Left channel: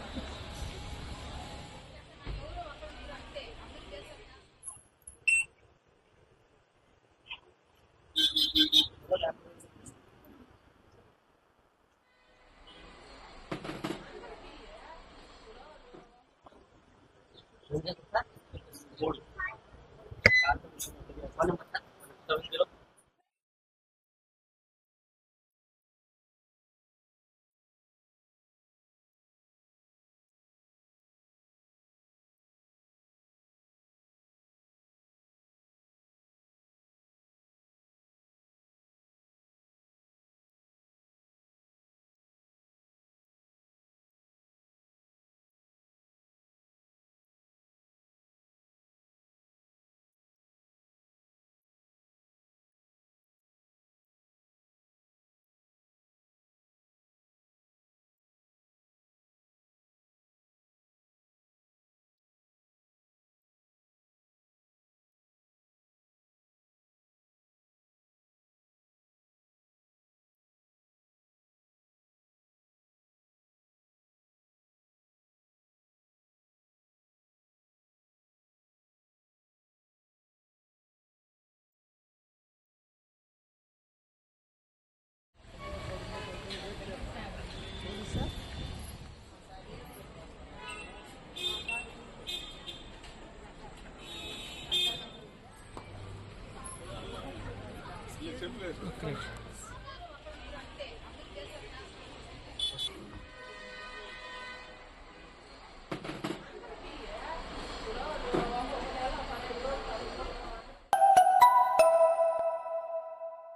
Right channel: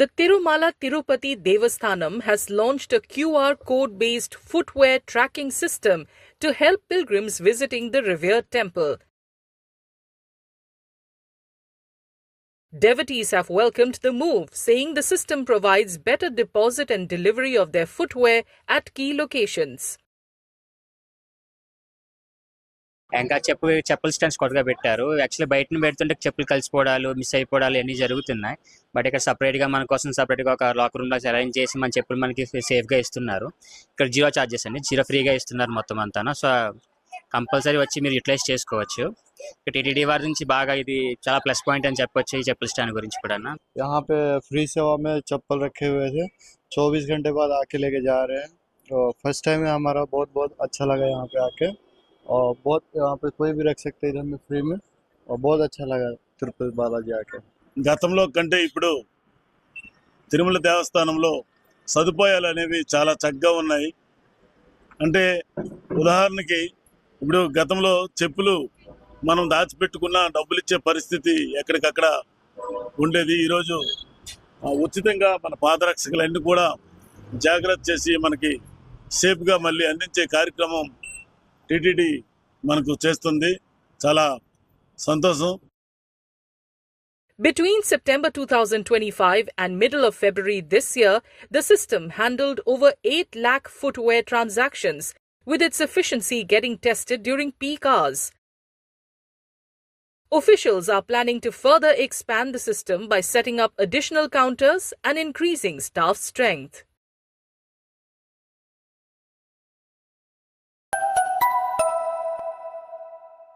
The Tirumala Tirupati Devasthanam has launched a QR code-based footwear tracking system to help pilgrims visiting the revered temple. Devotees have welcomed the move, saying the system provides better deposit and delivery of their footwear at key locations. ఇంకా చెప్పుల stands కొత్తగా పెట్టారు. Actually బయట పెడుతుంటే చెప్పులు కలిసిపోవడాలు, miss అయిపోవడాలు అన్నీ జరుగుతున్నాయి. But ఇక్కడ సపరేట్గా మన కోసం సపరేట్గా ఒక లాకర్ రూమ్లో అరేంజ్ చేసి మన చెప్పులు మనకి సేఫ్గా ఇస్తున్నారు. ఇక్కడ జీరో చార్జెస్ అండి, జీరో ఫ్రీగా ఇస్తున్నారు మొత్తం అంతా. సో కంపల్సరీ వచ్చి మీరు యూటిలైజ్ చేసుకోవచ్చు. టీటీడీ వారి నుంచి బాగా ఇది చాలా ప్లస్ పాయింట్ అని చెప్పొచ్చు ఈ చెప్పుల స్టాండ్ గురించి కూడా. यहाँ पे फ्री सेवा में चप्पल रखे हुए थे, 24 घंटे बाद आके लेके जा रहे हैं. तो फर्स्ट टाइम है हमारा, बहुत बहुत अच्छा लगा यहाँ पे आके. और बहुत यहाँ पे कोई भी रख सकते हैं इधर में फ्री में, और बहुत अच्छा लगा తిరుపతి బాలాజీ ఆకే. గతంలో కంటే ఇప్పుడు తిరుమల దేవస్థానంలో సదుపాయాలు అనేవి చాలా చక్కగా ఉన్నాయి. అంటే ఉదాహరణకి ఇప్పుడు గతంలో చెప్పులు మనం దాచిపెట్టుకున్న డబ్బులు ఇచ్చే పరిస్థితి ఎక్కడికక్కడ ఉండేది. ఈరోజు ఉచితంగా మన పాదరక్షకులన్నీ కూడా జాగ్రత్త చేసి మనకి సేఫ్గా మళ్ళీ అందించే కార్యక్రమం టీటీడీ మనకు చేస్తుంది. చాలా సంతోషం. Between September 2025 and middle of February this year, the system handled over 8 lakh footwear transactions, with its efficiency getting tested during peak hours. Officials are planning to further expand the system by setting up additional counters and increasing staff strength.